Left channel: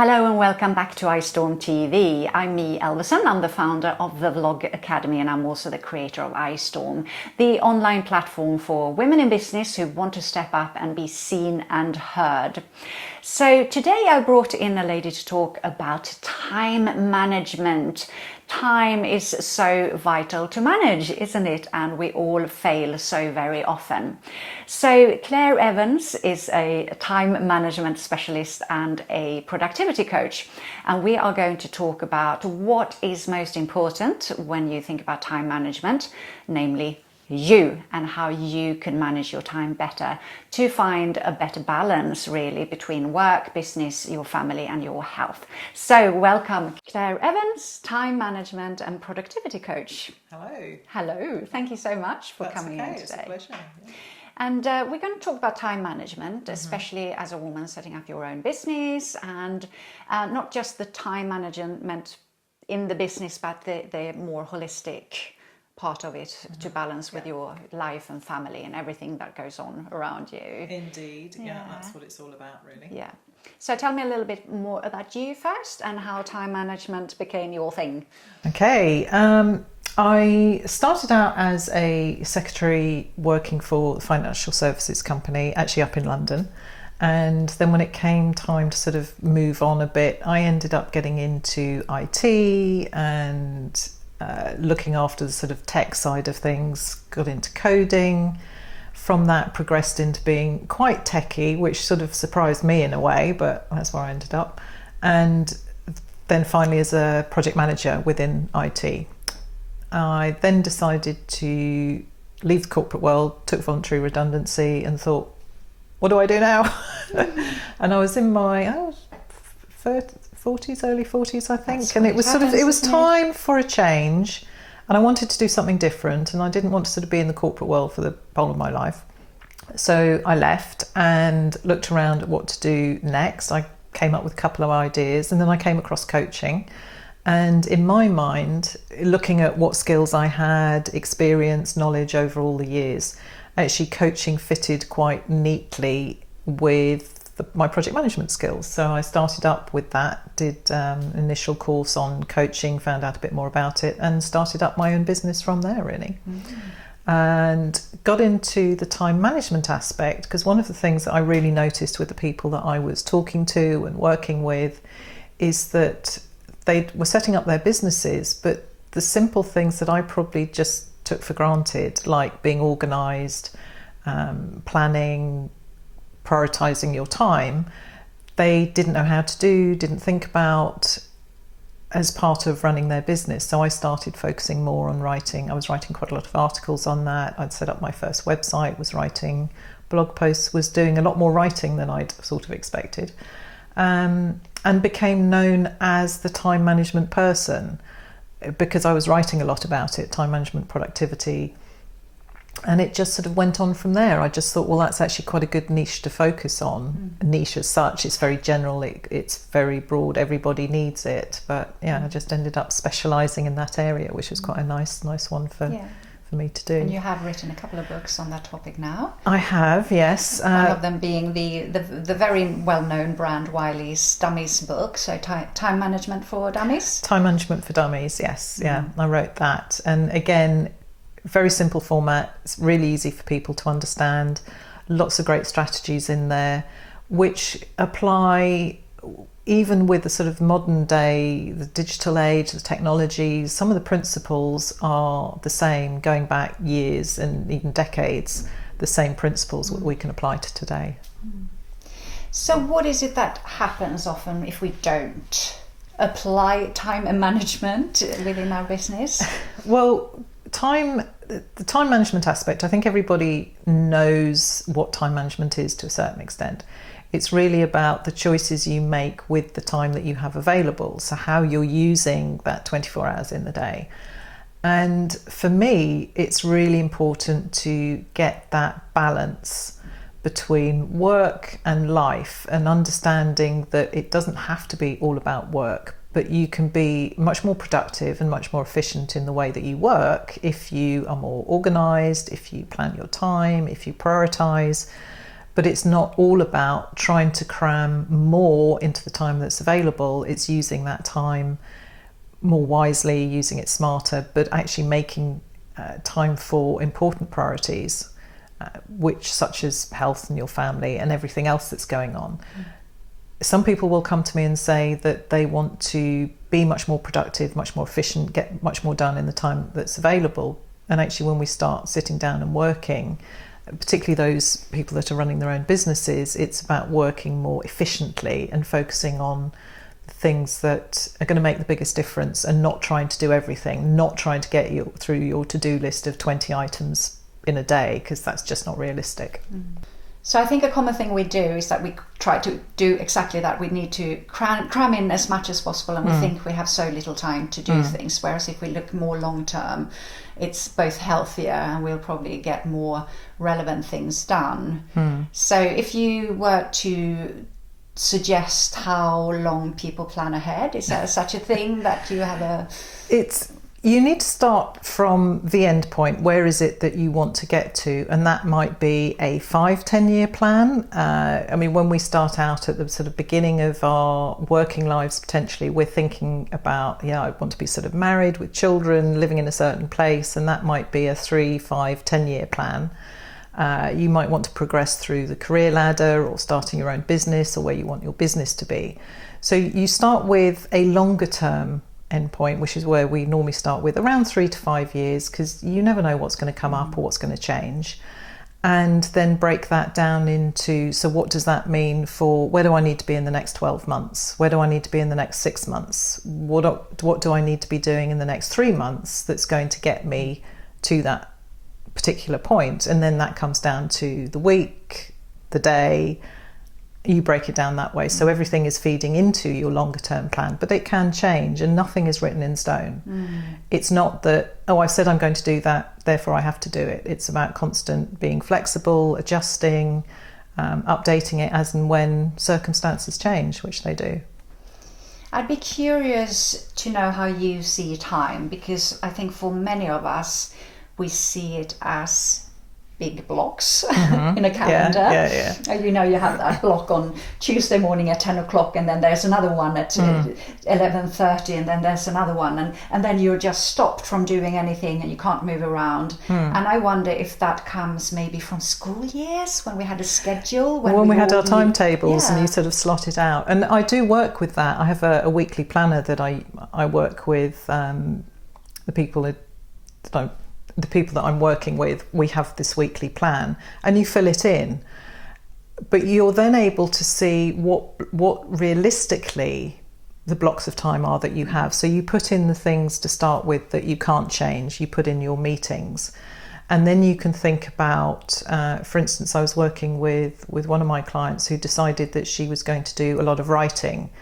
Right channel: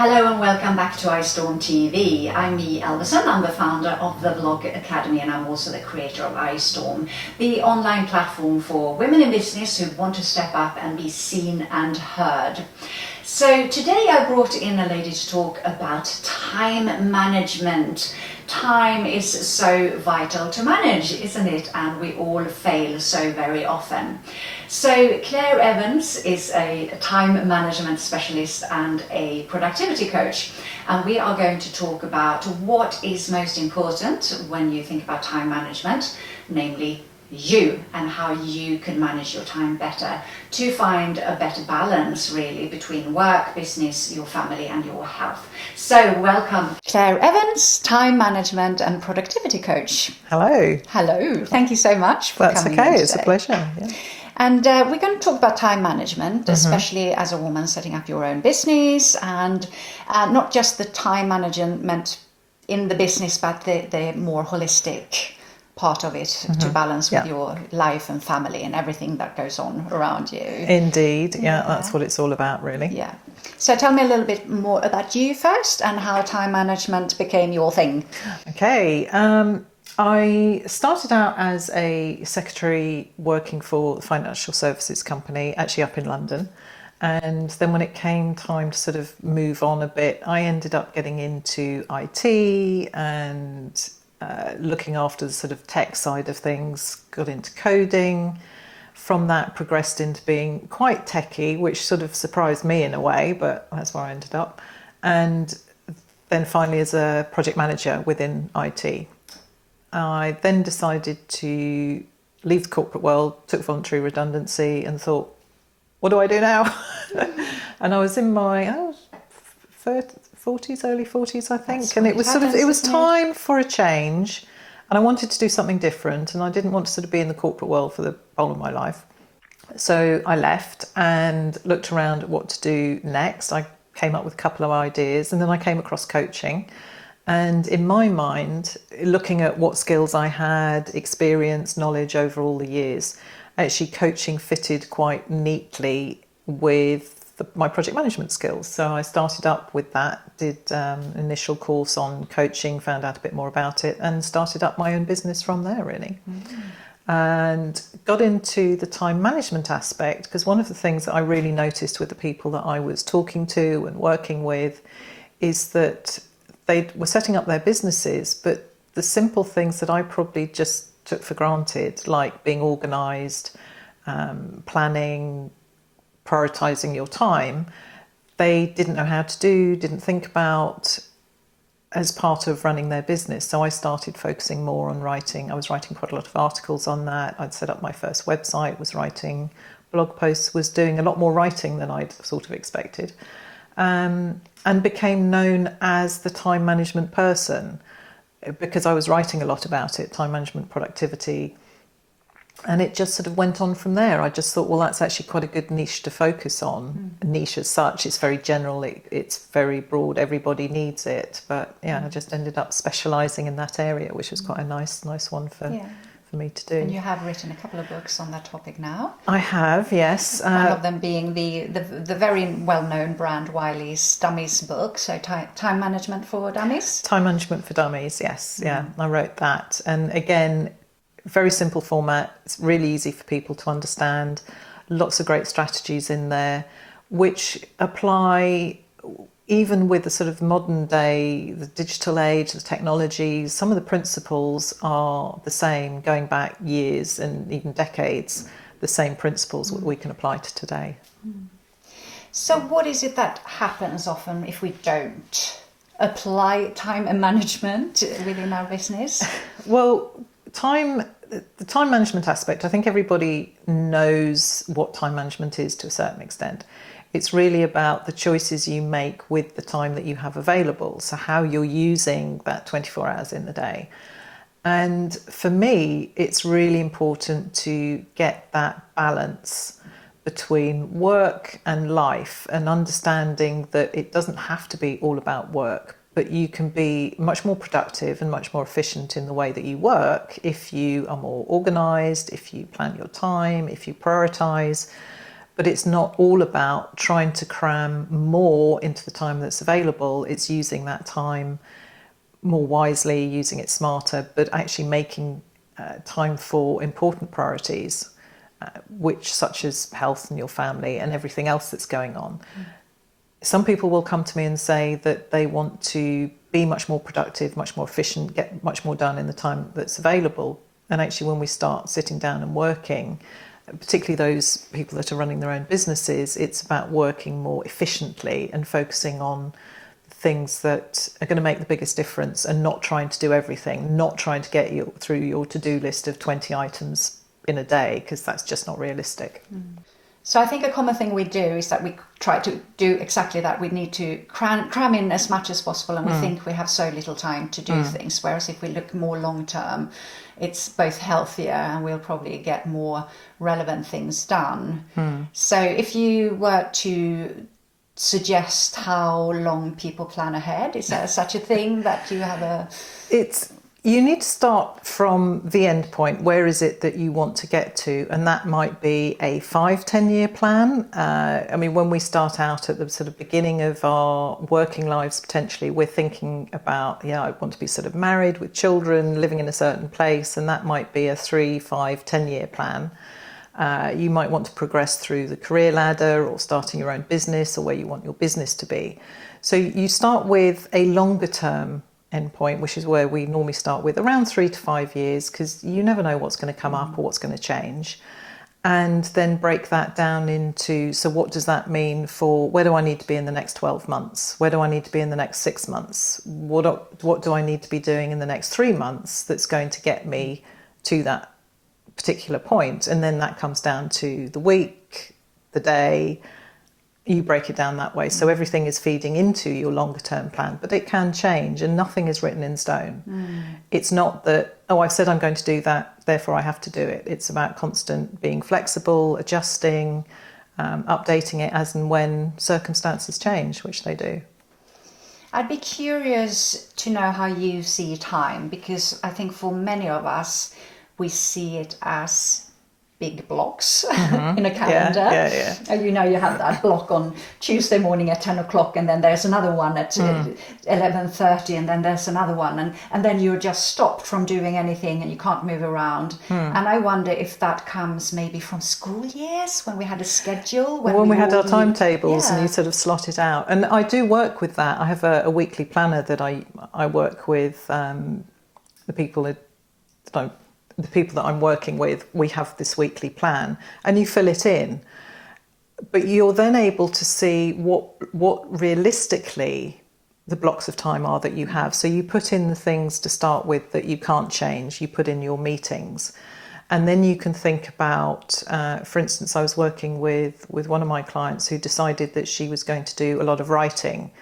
Hello and welcome back to iStorm TV. I'm me, Elvison. I'm the founder of the Vlog Academy and I'm also the creator of iStorm, the online platform for women in business who want to step up and be seen and heard. So today I brought in a lady to talk about time management. Time is so vital to manage, isn't it? And we all fail so very often. So Clare Evans is a time management specialist and a productivity coach. And we are going to talk about what is most important when you think about time management, namely you, and how you can manage your time better to find a better balance really between work, business, your family and your health. So welcome Clare Evans, time management and productivity coach. Hello. Hello, thank you so much for That's coming okay, in it's a today. pleasure. Yeah. And we're going to talk about time management, especially as a woman setting up your own business, and not just the time management in the business, but the more holistic part of it to balance with your life and family and everything that goes on around you. Indeed, yeah, that's what it's all about really. Yeah. So tell me a little bit more about you first and how time management became your thing. Okay, I started out as a secretary working for a financial services company, actually up in London. And then when it came time to sort of move on a bit, I ended up getting into IT and looking after the sort of tech side of things, got into coding. From that progressed into being quite techy, which sort of surprised me in a way, but that's where I ended up. And then finally as a project manager within IT. I then decided to leave the corporate world, took voluntary redundancy and thought, what do I do now? And I was in my 40s, early 40s, I think. That's and what it was it sort of, happens, it was isn't it? time for a change. And I wanted to do something different and I didn't want to sort of be in the corporate world for the whole of my life. So I left and looked around at what to do next. I came up with a couple of ideas and then I came across coaching. And in my mind, looking at what skills I had, experience, knowledge over all the years, actually coaching fitted quite neatly with my project management skills. So I started up with that, did an initial course on coaching, found out a bit more about it and started up my own business from there really. And got into the time management aspect because one of the things that I really noticed with the people that I was talking to and working with is that they were setting up their businesses, but the simple things that I probably just took for granted, like being organised, planning, prioritising your time, they didn't know how to do, didn't think about as part of running their business. So I started focusing more on writing. I was writing quite a lot of articles on that. I'd set up my first website, was writing blog posts, was doing a lot more writing than I'd sort of expected, and became known as the time management person because I was writing a lot about it, time management, productivity. And it just sort of went on from there. I just thought, well, that's actually quite a good niche to focus on. A niche as such, it's very general, it's very broad, everybody needs it. But yeah, I just ended up specialising in that area, which was quite a nice one for me to do. And you have written a couple of books on that topic now. I have, yes. One of them being the very well-known brand Wiley's Dummies book, so time management for dummies. Time management for dummies, yes. Yeah, I wrote that. And again, very simple format. It's really easy for people to understand. Lots of great strategies in there, which apply even with the sort of modern day, the digital age, the technology. Some of the principles are the same, going back years and even decades. The same principles that we can apply to today. So what is it that happens often if we don't apply time and management within our business? Well, the time management aspect, I think everybody knows what time management is to a certain extent. It's really about the choices you make with the time that you have available, so how you're using that 24 hours in the day. And for me, it's really important to get that balance between work and life and understanding that it doesn't have to be all about work, but you can be much more productive and much more efficient in the way that you work if you are more organised, if you plan your time, if you prioritise. but it's not all about trying to cram more into the time that's available. It's using that time more wisely, using it smarter, but actually making time for important priorities, which such as health and your family and everything else that's going on. Some people will come to me and say that they want to be much more productive, much more efficient, get much more done in the time that's available. And actually, when we start sitting down and working, particularly those people that are running their own businesses, it's about working more efficiently and focusing on things that are going to make the biggest difference, and not trying to do everything, not trying to get you through your to-do list of 20 items in a day, because that's just not realistic. So I think a common thing we do is that we try to do exactly that. We need to cram in as much as possible, and we think we have so little time to do things. Whereas if we look more long term, it's both healthier and we'll probably get more relevant things done. So if you were to suggest how long people plan ahead, is there such a thing that you have a... You need to start from the end point. Where is it that you want to get to? And that might be a 5-10 year plan. I mean, when we start out at the sort of beginning of our working lives, potentially, we're thinking about, I want to be sort of married with children, living in a certain place. And that might be a 3, 5, 10 year plan. You might want to progress through the career ladder, or starting your own business, or where you want your business to be. So you start with a longer term endpoint, which is where we normally start with around 3 to 5 years, because you never know what's going to come up or what's going to change, and then break that down into, so what does that mean for where do I need to be in the next 12 months? Where do I need to be in the next 6 months? What do I need to be doing in the next 3 months that's going to get me to that particular point? And then that comes down to the week, the day. You break it down that way, so everything is feeding into your longer term plan, but it can change, and nothing is written in stone. It's not that, I've said I'm going to do that, therefore I have to do it. It's about constant being flexible, adjusting, updating it as and when circumstances change, which they do. I'd be curious to know how you see time, because I think for many of us we see it as big blocks in a calendar. And you have that block on Tuesday morning at 10 o'clock, and then there's another one at 11:30, and then there's another one, and then you're just stopped from doing anything and you can't move around. And I wonder if that comes maybe from school years, when we had a schedule, when we had our timetables and you sort of slot it out. And I do work with that. I have a weekly planner that I work with, the people that I'm working with. We have this weekly plan, and you fill it in, but you're then able to see what realistically the blocks of time are that you have. So you put in the things to start with that you can't change. You put in your meetings, and then you can think about, for instance, I was working with one of my clients who decided that she was going to do a lot of writing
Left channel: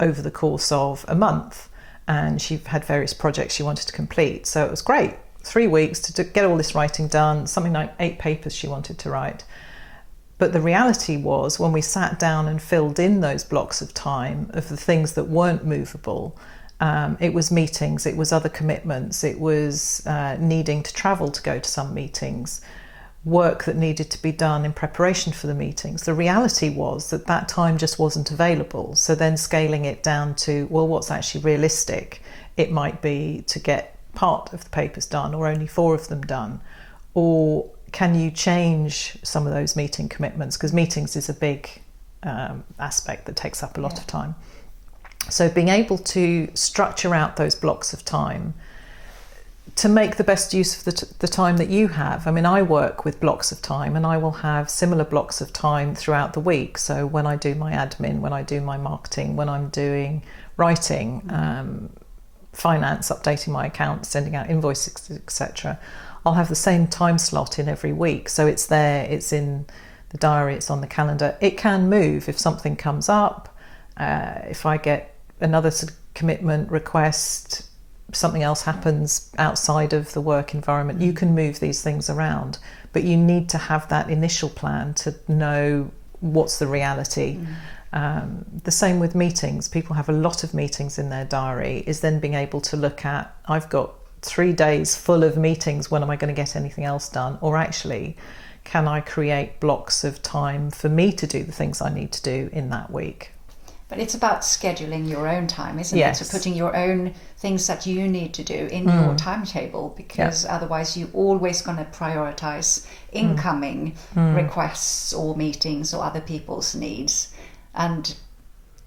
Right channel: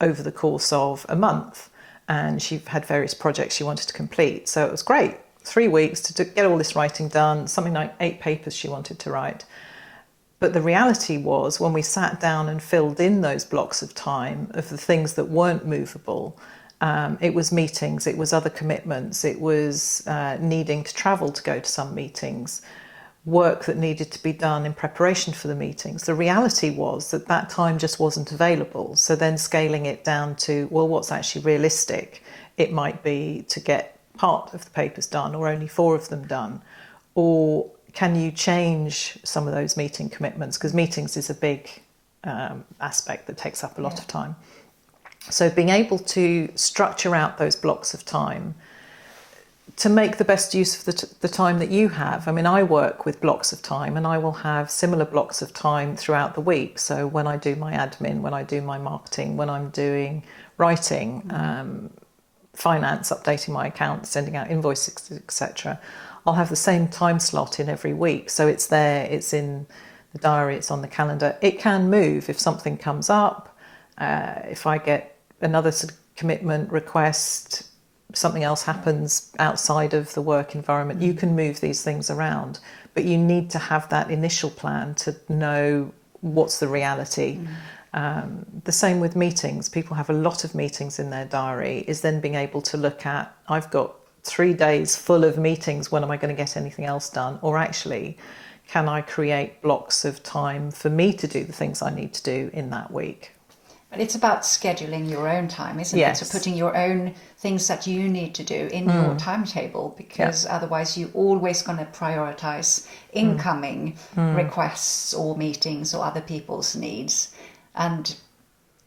over the course of a month, and she had various projects she wanted to complete. So it was great. 3 weeks to get all this writing done, something like 8 papers she wanted to write. But the reality was, when we sat down and filled in those blocks of time of the things that weren't movable, it was meetings, it was other commitments, it was needing to travel to go to some meetings, work that needed to be done in preparation for the meetings. The reality was that time just wasn't available. So then scaling it down to, well, what's actually realistic? It might be to get part of the papers done, or only 4 of them done, or can you change some of those meeting commitments, because meetings is a big aspect that takes up a lot of time. So being able to structure out those blocks of time to make the best use of the time that you have. I mean, I work with blocks of time, and I will have similar blocks of time throughout the week. So when I do my admin, when I do my marketing, when I'm doing writing, finance, updating my accounts, sending out invoices, etc., I'll have the same time slot in every week. So it's there, it's in the diary, it's on the calendar. It can move if something comes up, if I get another sort of commitment request, something else happens outside of the work environment. You can move these things around, but you need to have that initial plan to know what's the reality. The same with meetings. People have a lot of meetings in their diary, is then being able to look at, I've got 3 days full of meetings, when am I going to get anything else done? Or actually, can I create blocks of time for me to do the things I need to do in that week? But it's about scheduling your own time, isn't Yes. it? So putting your own things that you need to do in your timetable, because otherwise you're always going to prioritise incoming requests or meetings or other people's needs. And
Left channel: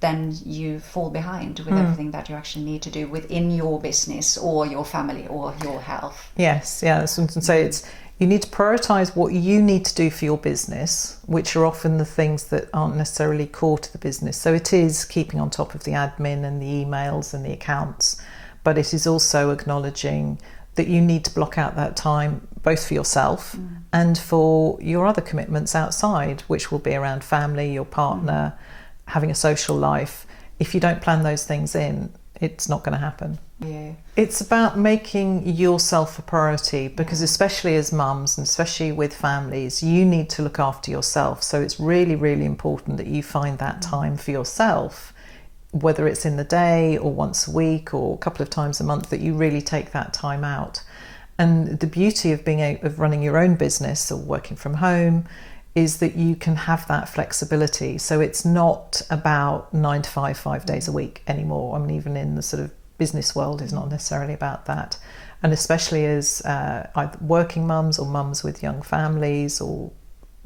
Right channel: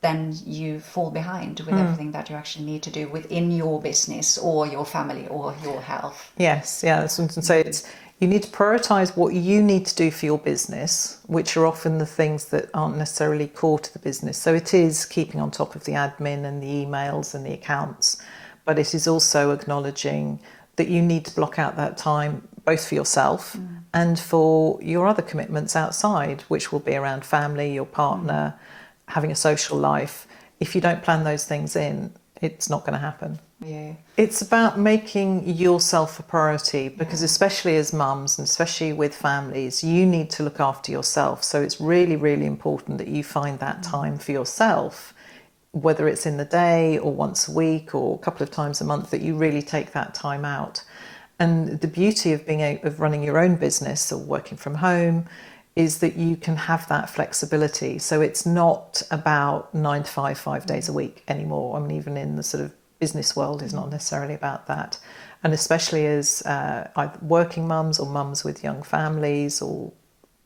then you fall behind with everything that you actually need to do within your business or your family or your health. Yes, yeah, that's what I say. It's you need to prioritise what you need to do for your business, which are often the things that aren't necessarily core to the business. So it is keeping on top of the admin and the emails and the accounts, but it is also acknowledging that you need to block out that time both for yourself and for your other commitments outside, which will be around family, your partner, having a social life. If you don't plan those things in, it's not going to happen. Yeah. It's about making yourself a priority, because especially as mums and especially with families, you need to look after yourself. So it's really, really important that you find that time for yourself, whether it's in the day or once a week or a couple of times a month, that you really take that time out. And the beauty of of running your own business or working from home is that you can have that flexibility. So it's not about 9 to 5, 5 days a week anymore. I mean, even in the sort of business world, it's not necessarily about that. And especially as either working mums or mums with young families or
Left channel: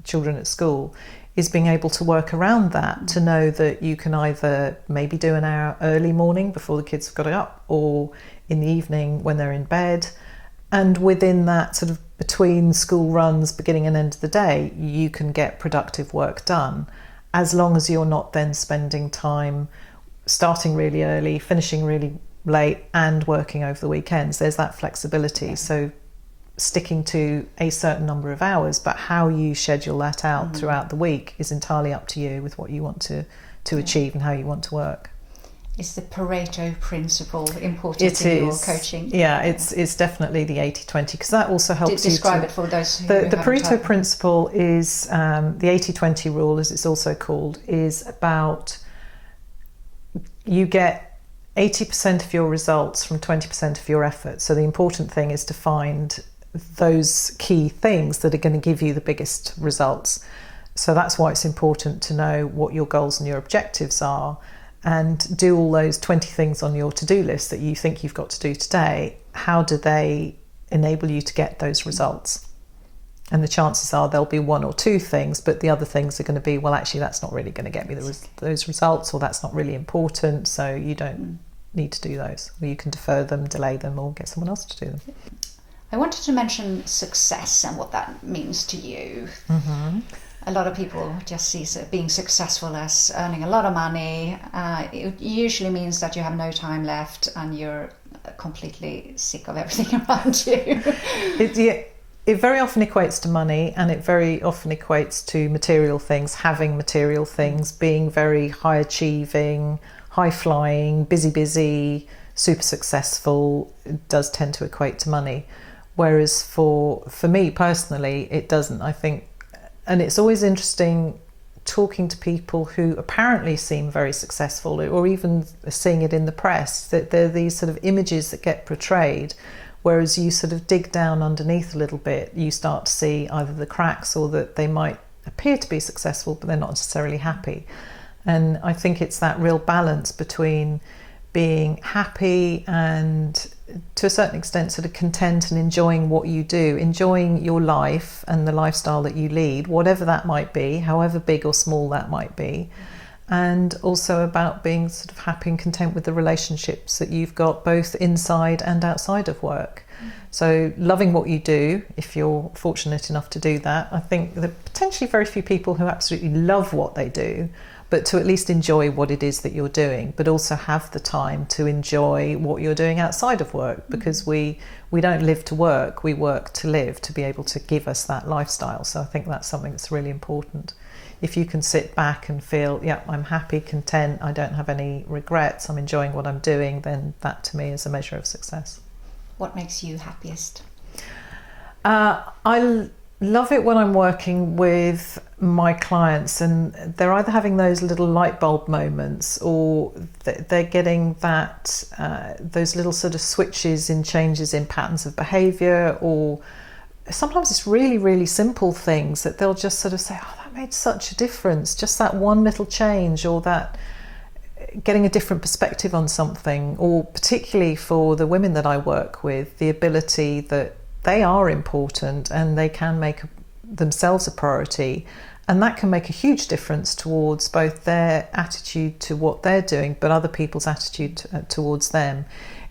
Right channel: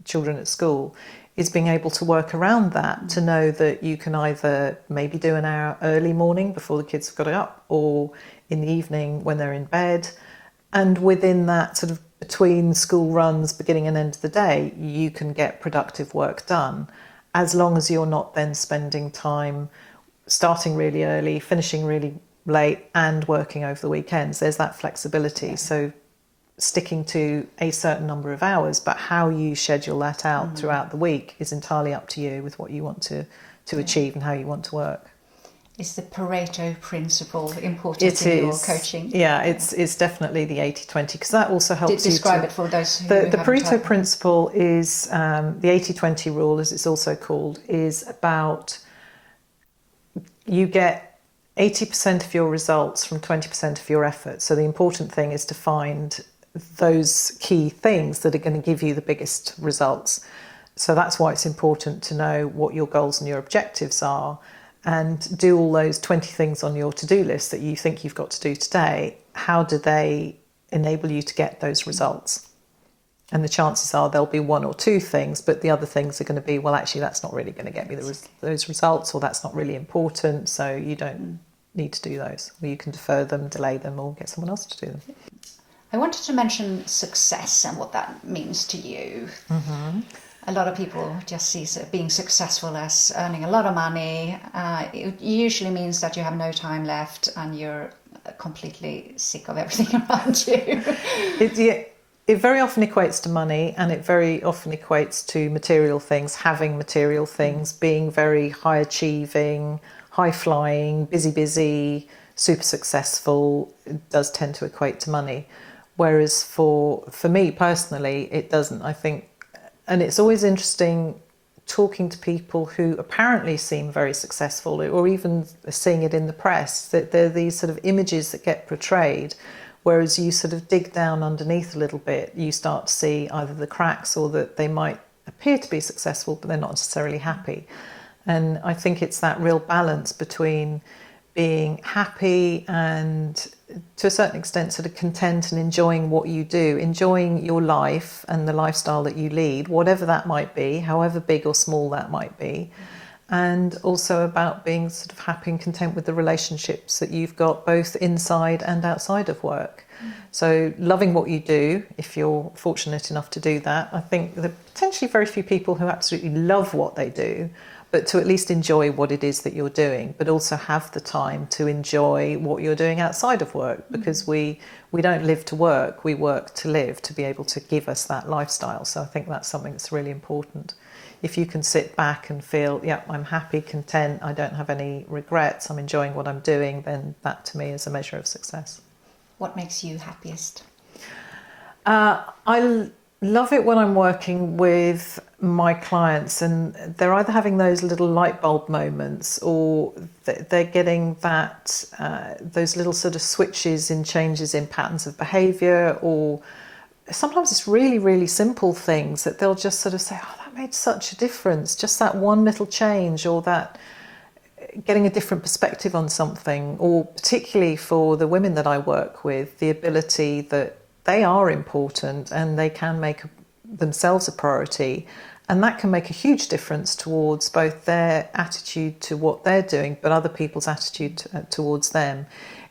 children at school, is being able to work around that, to know that you can either maybe do an hour early morning before the kids have got up, or in the evening when they're in bed. And within that sort of between school runs, beginning and end of the day, you can get productive work done, as long as you're not then spending time starting really early, finishing really late and working over the weekends. There's that flexibility. So sticking to a certain number of hours, but how you schedule that out throughout the week is entirely up to you, with what you want to achieve and how you want to work. Is the Pareto principle important in your coaching? Yeah, it's definitely the 80-20, because that also helps describe it for those who the Pareto principle is the 80-20 rule, as it's also called, is about you get 80% of your results from 20% of your effort. So the important thing is to find those key things that are going to give you the biggest results. So that's why it's important to know what your goals and your objectives are, and do all those 20 things on your to-do list that you think you've got to do today. How do they enable you to get those results? And the chances are there'll be one or two things, but the other things are going to be, well, actually, that's not really going to get me those results, or that's not really important, so you don't need to do those. Or you can defer them, delay them, or get someone else to do them. I wanted to mention success and what that means to you. A lot of people just see being successful as earning a lot of money. It usually means that you have no time left and you're completely sick of everything around you. It very often equates to money, and it very often equates to material things, having material things, being very high achieving, high flying, busy, super successful. It does tend to equate to money. Whereas for me personally, it doesn't, I think. And it's always interesting talking to people who apparently seem very successful, or even seeing it in the press, that there are these sort of images that get portrayed, whereas you sort of dig down underneath a little bit, you start to see either the cracks, or that they might appear to be successful but they're not necessarily happy. And I think it's that real balance between being happy and, to a certain extent, sort of content and enjoying what you do, enjoying your life and the lifestyle that you lead, whatever that might be, however big or small that might be, and also about being sort of happy and content with the relationships that you've got both inside and outside of work. So loving what you do, if you're fortunate enough to do that. I think there are potentially very few people who absolutely love what they do, but to at least enjoy what it is that you're doing, but also have the time to enjoy what you're doing outside of work, because we don't live to work, we work to live, to be able to give us that lifestyle. So I think that's something that's really important. If you can sit back and feel, yeah, I'm happy, content, I don't have any regrets, I'm enjoying what I'm doing, then that to me is a measure of success. What makes you happiest? I love it when I'm working with my clients and they're either having those little light bulb moments, or they're getting that those little sort of switches in changes in patterns of behaviour, or sometimes it's really, really simple things that they'll just sort of say, oh, that made such a difference. Just that one little change, or that getting a different perspective on something, or particularly for the women that I work with, the ability that they are important and they can make themselves a priority. And that can make a huge difference towards both their attitude to what they're doing, but other people's attitude towards them.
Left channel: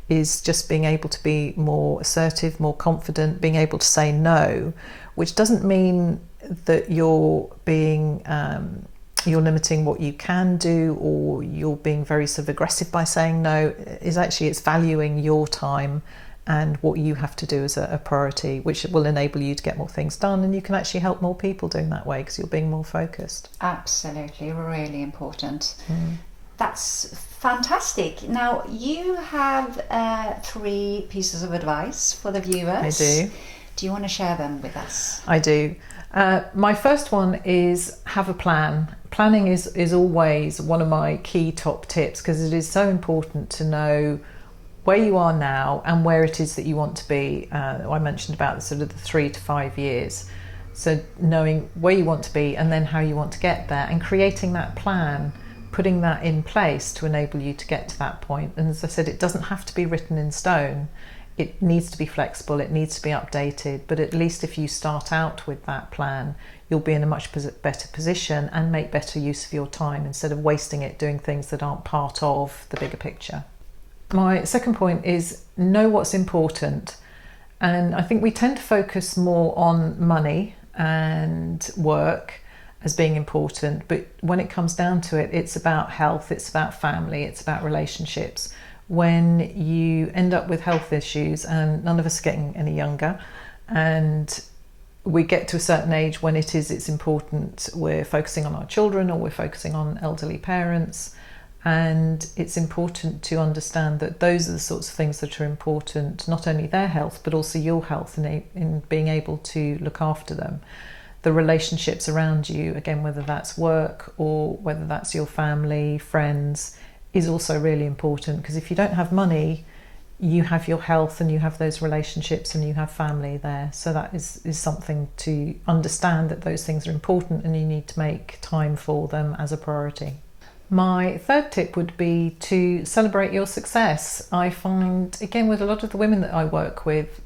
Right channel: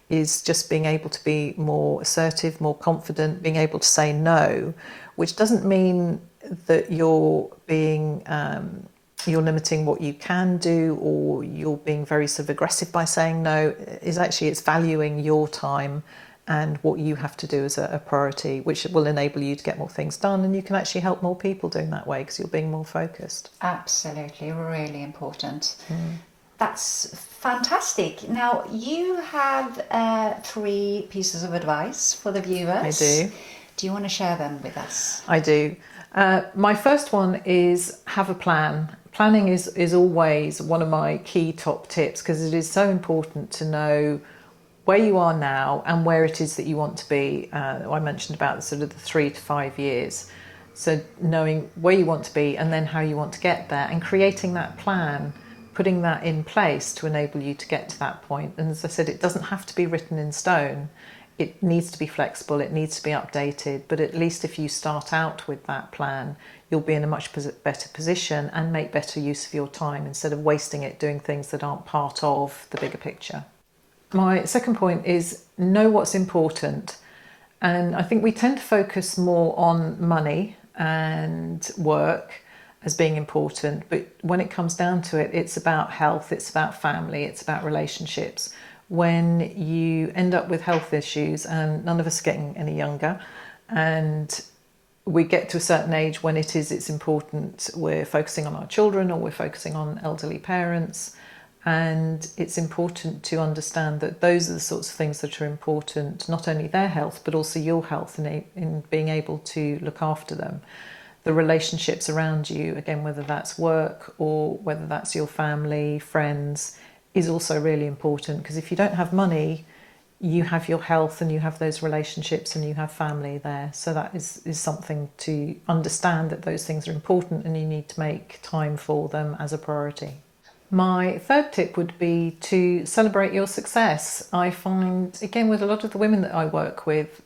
Is just being able to be more assertive, more confident, being able to say no, which doesn't mean that you're being you're limiting what you can do, or you're being very sort of aggressive by saying no. Is actually, it's valuing your time and what you have to do as a priority, which will enable you to get more things done, and you can actually help more people doing that way because you're being more focused. Absolutely, really important. That's fantastic. Now, you have 3 pieces of advice for the viewers. I do. Do you want to share them with us? I do. My first one is have a plan. Planning is always one of my key top tips, because it is so important to know where you are now and where it is that you want to be. I mentioned about the sort of the 3 to 5 years. So knowing where you want to be and then how you want to get there, and creating that plan, putting that in place to enable you to get to that point. And as I said, it doesn't have to be written in stone. It needs to be flexible, it needs to be updated, but at least if you start out with that plan, you'll be in a much better position and make better use of your time instead of wasting it doing things that aren't part of the bigger picture. My second point is know what's important. And I think we tend to focus more on money and work as being important, but when it comes down to it, it's about health, it's about family, it's about relationships. When you end up with health issues, and none of us are getting any younger, and we get to a certain age when it's important, we're focusing on our children or we're focusing on elderly parents, and it's important to understand that those are the sorts of things that are important, not only their health but also your health, in being able to look after them. The relationships around you, again, whether that's work or whether that's your family, friends, is also really important, because if you don't have money, you have your health and you have those relationships and you have family there. So that is something to understand, that those things are important and you need to make time for them as a priority. My third tip would be to celebrate your success. I find, again, with a lot of the women that I work with,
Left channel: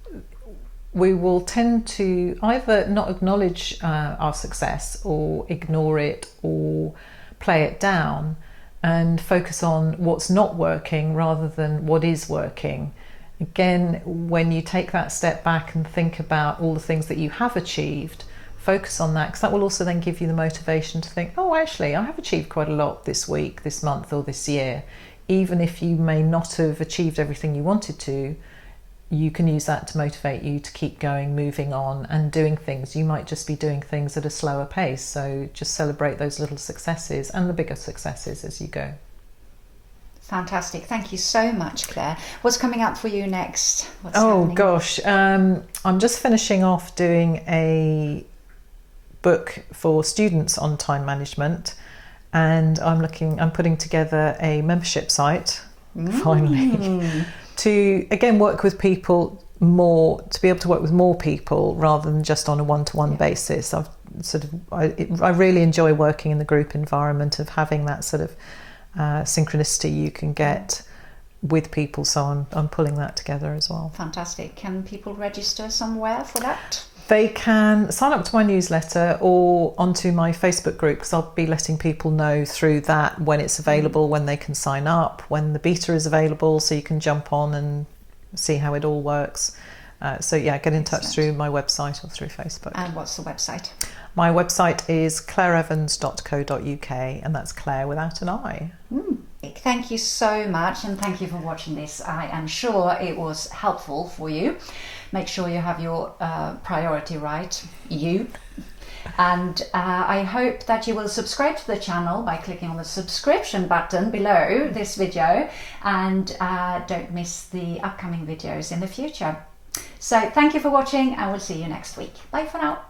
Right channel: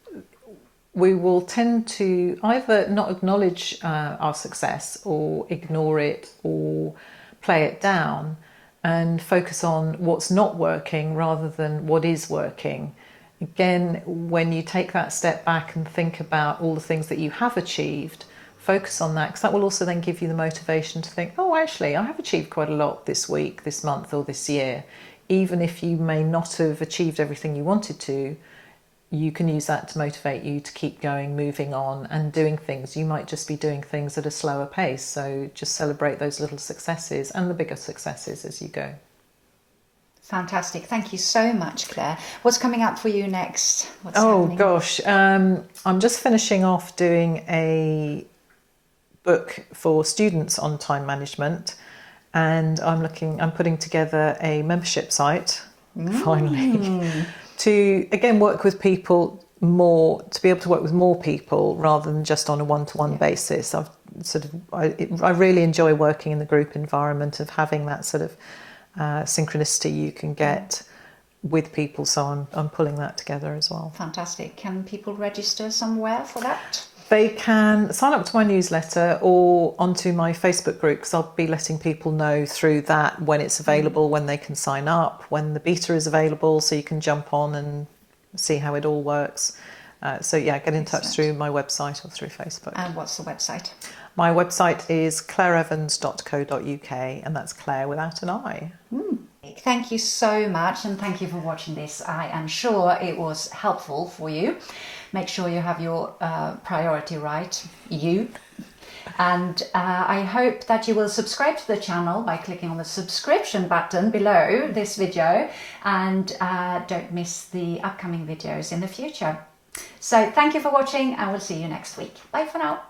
we will tend to either not acknowledge our success or ignore it or play it down, and focus on what's not working rather than what is working. Again, when you take that step back and think about all the things that you have achieved, focus on that, because that will also then give you the motivation to think, oh, actually, I have achieved quite a lot this week, this month, or this year. Even if you may not have achieved everything you wanted to, you can use that to motivate you to keep going, moving on and doing things. You might just be doing things at a slower pace, so just celebrate those little successes and the bigger successes as you go. Fantastic. Thank you so much, Claire. What's coming up for you next? What's oh happening? Gosh, I'm just finishing off doing a book for students on time management, and I'm putting together a membership site finally to again work with people more, to be able to work with more people rather than just on a one-to-one basis. I really enjoy working in the group environment, of having that sort of synchronicity you can get with people, so I'm pulling that together as well. Fantastic. Can people register somewhere for that? They can sign up to my newsletter or onto my Facebook group, because I'll be letting people know through that when it's available, when they can sign up, when the beta is available, so you can jump on and see how it all works. So yeah, get in touch through my website or through Facebook. And what's the website? My website is clareevans.co.uk, and that's Clare without an I. Thank you so much, and thank you for watching this. I am sure it was helpful for you. Make sure you have your priority right, and I hope that you will subscribe to the channel by clicking on the subscription button below this video, and don't miss the upcoming videos in the future. So thank you for watching, and we'll see you next week. Bye for now.